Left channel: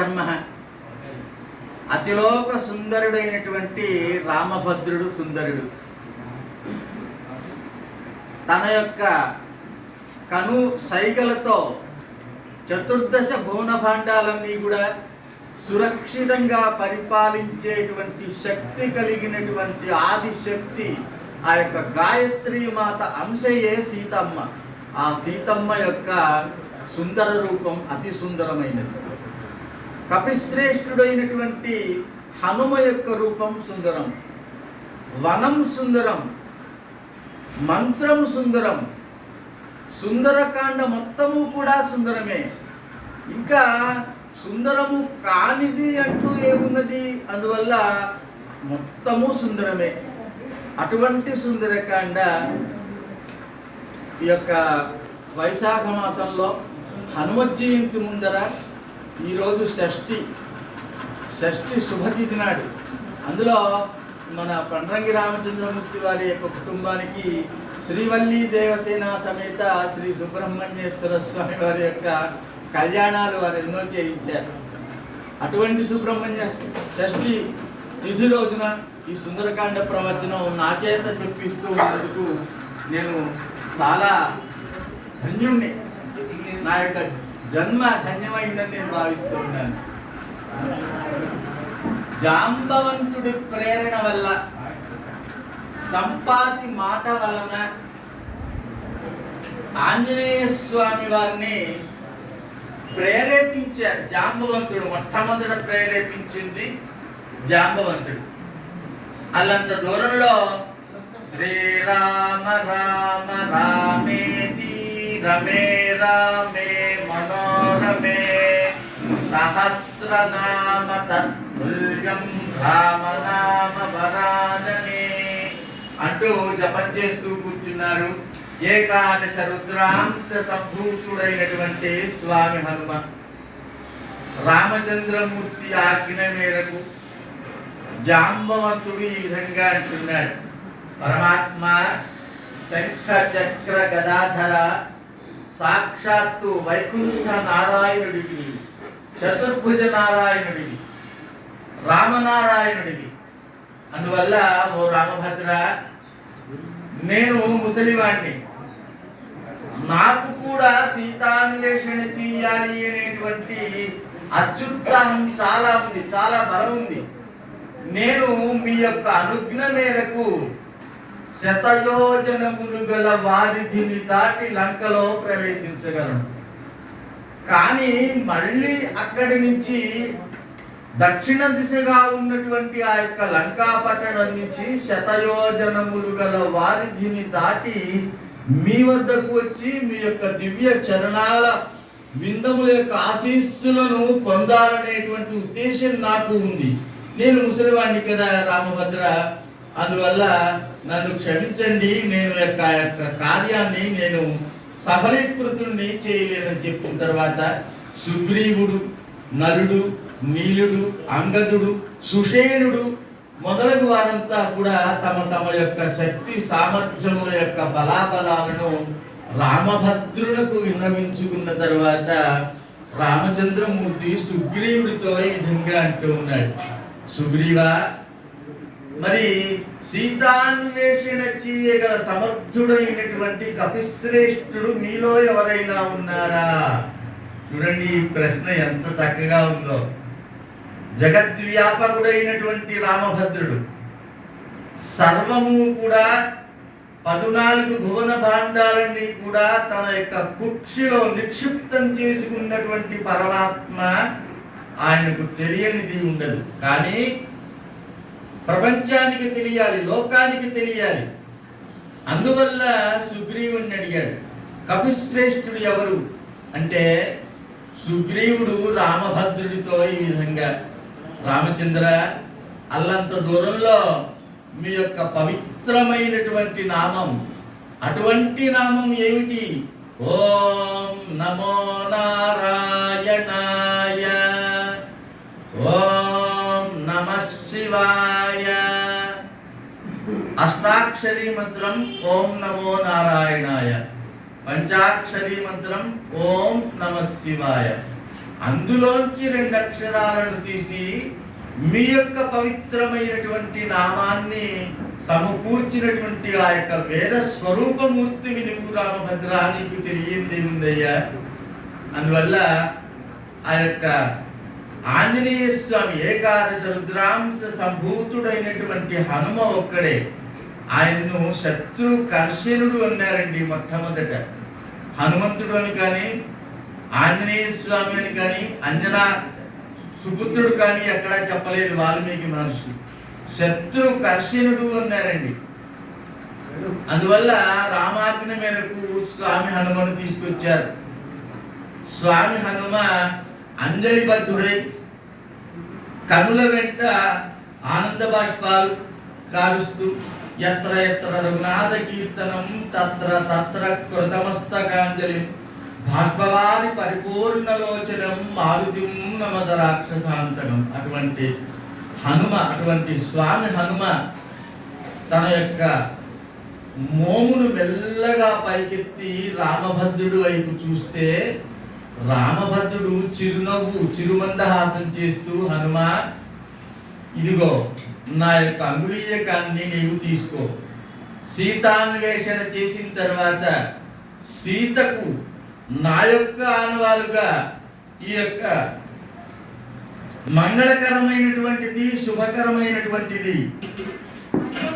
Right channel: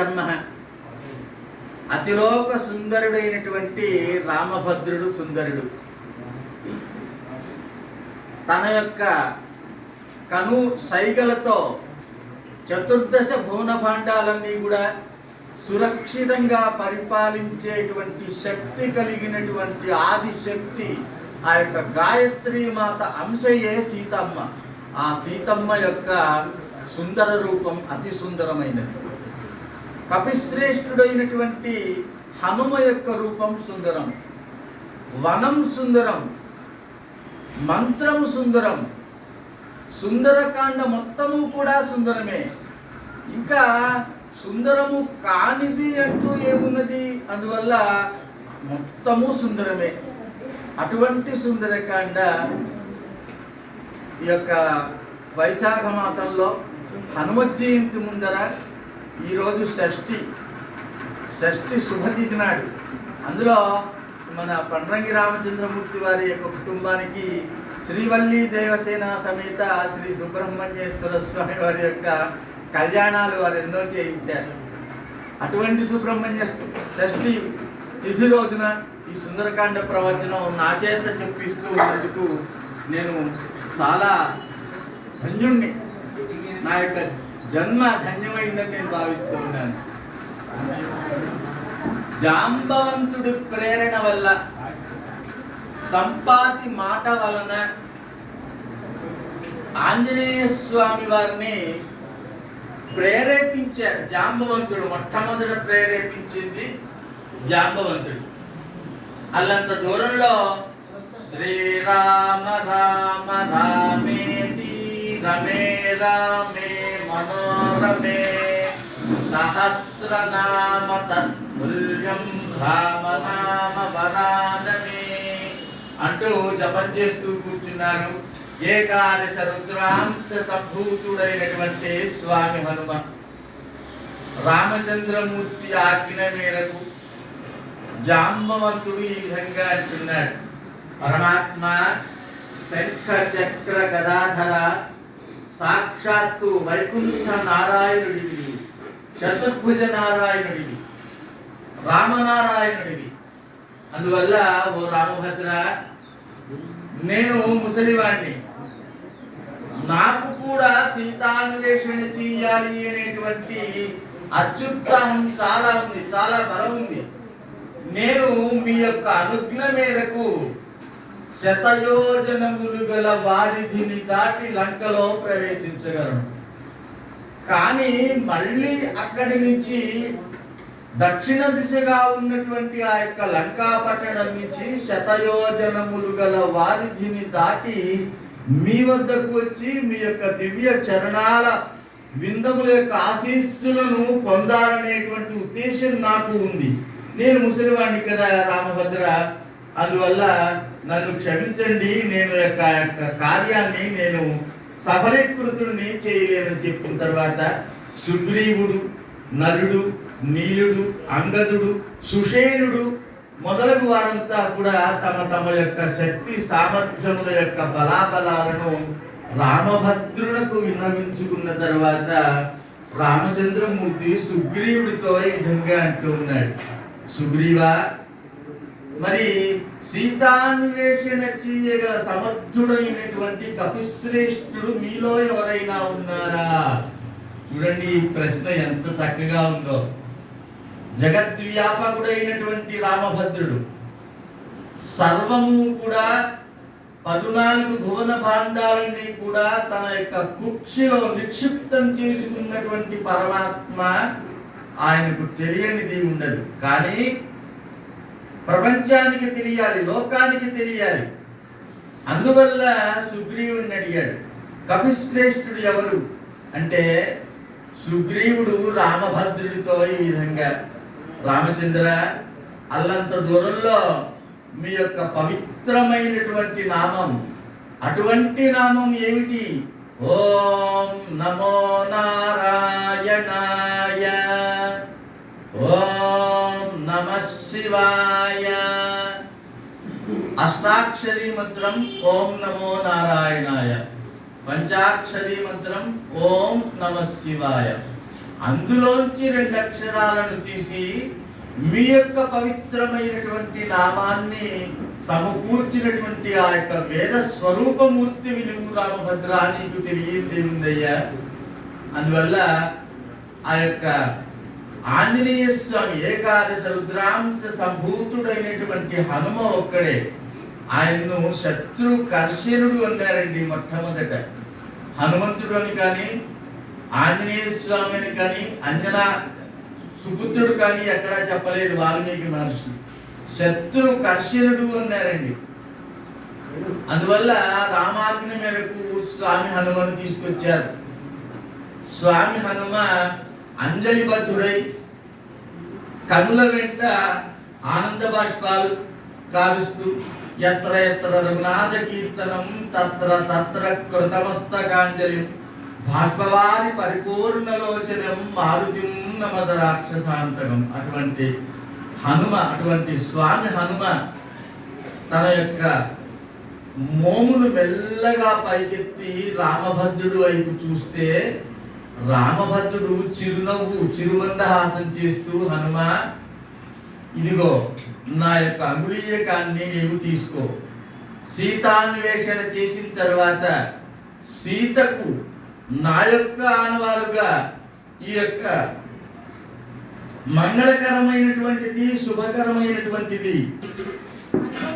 ధర్మ. అతిలోక సుందరుడైనటువంటి రామభద్రుడు సుందరుడు. తన యొక్క కను సైగలతో చతుర్దశ భువన భాండాలన్నీ కూడా సురక్షితంగా పరిపాలించేటువంటి శక్తి కలిగినటువంటి ఆదిశక్తి ఆ యొక్క గాయత్రి మాత అంశయే సీతమ్మ. ఆ సీతమ్మ యొక్క సుందర రూపం అతి సుందరమైనది. కపిశ్రేష్ఠుడైనటువంటి హనుమ యొక్క రూపం సుందరం వనం సుందరం మంత్రము సుందరం సుందరకాండ మొత్తము కూడా సుందరమే. ఇంకా సుందరము కానిది అంటూ ఏమున్నది? అందువల్ల మొత్తము సుందరమే. అటువంటి సుందరకాండ ఈ యొక్క వైశాఖ మాసంలో హనుమత్ జయంతి ముందర ఈరోజు షష్ఠి. షష్ఠి శుభతిథి నాడు అందులో మన పండ్రంగి రామచంద్రమూర్తి వారి యొక్క కుటుంబానికి శ్రీవల్లి దేవసేన సమేత శ్రీ సుబ్రహ్మణ్యేశ్వర స్వామి వారి యొక్క కళ్యాణాలు వారు ఎన్నో చేయించారు. అటువంటి సుబ్రహ్మణ్య షష్ఠి తిథి రోజున ఈ సుందరకాండ ప్రవచనం నా చేత చెప్పిస్తూ ఉన్నందుకు నేను చాలా ధన్యుణ్ణి. నా యొక్క జన్మ ధన్యమైందని నేను భావిస్తూ ఉన్నాను. జాంబవంతుడి ప్రేరణ వల్ల సంపాతి మాట వలన ఆంజనేయ స్వామి వారిని ప్రేరేపించారు. జాంబవంతుడు మొట్టమొదట ప్రేరేపించింది జాంబవంతుడు. అల్లంత దూరంలో శ్రీరామ రామ రామేతి రమే రామే మనోరమే సహస్రనామ తత్తుల్యం రామనామ వరానమే అంటూ జపం చేస్తూ కూర్చున్నారు. ఏకాదశ రుద్రాంశ సంభూతుడైనటువంటి స్వామి హనుమ రామచంద్రమూర్తి ఆజ్ఞ మేరకు జాంబవంతుడు ఈ విధంగా అంటున్నాడు. పరమాత్మ శంఖ చక్ర గదాధర సాక్షాత్తు వైకుంఠ నారాయణుడివి చతుర్భుజ నారాయణుడివి రామనారాయణుడివి. అందువల్ల ఓ రామభద్ర నేను ముసలివాణ్ణి. నాకు కూడా సీతాన్వేషణ చేయాలి అనేటువంటి అత్యుత్సాహం చాలా ఉంది చాలా బలం ఉంది. నేను మీ యొక్క అనుజ్ఞ మేరకు శతయోజనములు గల వారిధిని దాటి లంకలో ప్రవేశించగలను. కానీ మళ్ళీ అక్కడి నుంచి దక్షిణ దిశగా ఉన్నటువంటి ఆ యొక్క లంకా పట్టణం నుంచి శతయోజనములు గల వారిధిని దాటి మీ వద్దకు వచ్చి మీ యొక్క దివ్య చరణాల విందముల యొక్క ఆశీస్సులను పొందాలనేటువంటి ఉద్దేశం నాకు ఉంది. నేను ముసలివాణ్ణి కదా రామభద్ర. అందువల్ల నన్ను క్షమించండి నేను యొక్క యొక్క కార్యాన్ని నేను సఫలీకృతుడిని చేయలేనని చెప్పిన తర్వాత సుగ్రీవుడు నలుడు నీలుడు అంగదుడు సుషేనుడు మొదలగు వారంతా కూడా తమ తమ యొక్క శక్తి సామర్థ్యముల యొక్క బలాబలాలను రామభద్రులకు విన్నవించుకున్న తర్వాత రామచంద్రమూర్తి సుగ్రీవుడితో ఈ విధంగా అంటూ ఉన్నాడు. సుగ్రీవా మరి సీతాన్వేషణ చేయగల సమర్థుడైనటువంటి కపిశ్రేష్ఠుడు మీలో ఎవరైనా ఉన్నారా? చూడండి ఈ ప్రశ్న ఎంత చక్కగా ఉందో. జగద్వ్యాపకుడైనటువంటి రామభద్రుడు సర్వము కూడా పదునాలుగు భువన భాండాలన్నీ కూడా తన యొక్క కుక్షిలో నిక్షిప్తం చేసుకున్నటువంటి పరమాత్మ ఆయనకు తెలియనిది ఉండదు. కానీ ప్రపంచానికి తెలియాలి లోకానికి తెలియాలి. అందువల్ల సుగ్రీవుని అడిగాడు. కపిశ్రేష్ఠుడు ఎవరు? అంటే సుగ్రీవుడు రామభద్రుడితో ఈ విధంగా రామచంద్ర అల్లంత దూరంలో మీ యొక్క పవిత్రమైనటువంటి నామం అటువంటి నామం ఏమిటి? ఓం నమో నారాయణాయ ఓం నమ శివాయ. అష్టాక్షరీ మంత్రం ఓం నమో నారాయణాయ. పంచాక్షరీ మంత్రం ఓం నమ శివాయ. అందులోంచి రెండు అక్షరాలను తీసి మీ యొక్క పవిత్రమైనటువంటి నామాన్ని సమకూర్చినటువంటి ఆ యొక్క వేద స్వరూపమూర్తి నువ్వు రామభద్ర నీకు తెలియంది ఉందయ్యా అందువల్ల ఆ యొక్క ఆంజనేయ స్వామి ఏకాదశ రుద్రాంశ సంభూతుడైనటువంటి హనుమ ఒక్కడే ఆయన్ను శత్రు కర్షణుడు అన్నారండి మొట్టమొదట. హనుమంతుడు అని కానీ ఆంజనేయ స్వామి అని కానీ అంజనా సుపుత్రుడు కానీ ఎక్కడా చెప్పలేదు వాల్మీకి మహర్షి. శత్రు కర్షణుడు అన్నారండి. అందువల్ల రామాజ్ఞ మేరకు స్వామి హనుమను తీసుకొచ్చారు. స్వామి హనుమ అంజలిబద్ధుడై కనుల వెంట ఆనంద బాష్పాలు కారుస్తూ ఎత్ర ఎత్ర రఘునాథ కీర్తనం తత్ర తత్ర కృతమస్తకాంజలి భాష్పవారి పరిపూర్ణలోచనం మారుతిం నమద రాక్షసాంతకం అటువంటి హనుమ అటువంటి స్వామి హనుమ తన యొక్క మోమును మెల్లగా పైకెత్తి రామభద్రుడు వైపు చూస్తే రామభద్రుడు చిరునవ్వు చిరుమందహాసం చేస్తూ హనుమ ఇదిగో నా యొక్క అంగుళీయకాన్ని నీవు తీసుకో. సీతాన్వేషణ చేసిన తర్వాత సీతకు నా యొక్క ఆనవాలుగా ఈ యొక్క మంగళకరమైనటువంటిది శుభకరమైనటువంటిది